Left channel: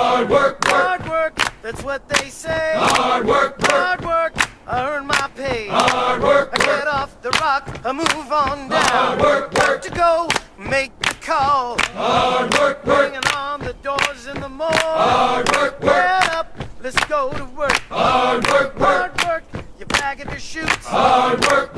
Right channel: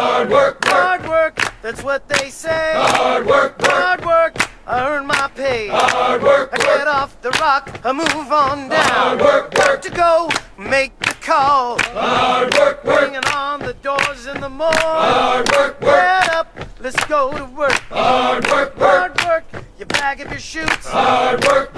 Hard work, Hard work, that's what they say. hard work, Hard work, I earn my pay. hard work, I get off the rock, I move on down. Hard work, Got to go, make the call. hard work, Bringing on the doors in the mall. hard work, Get up, let's go to work. hard work, Hard work, you bag up your shoots. hard work,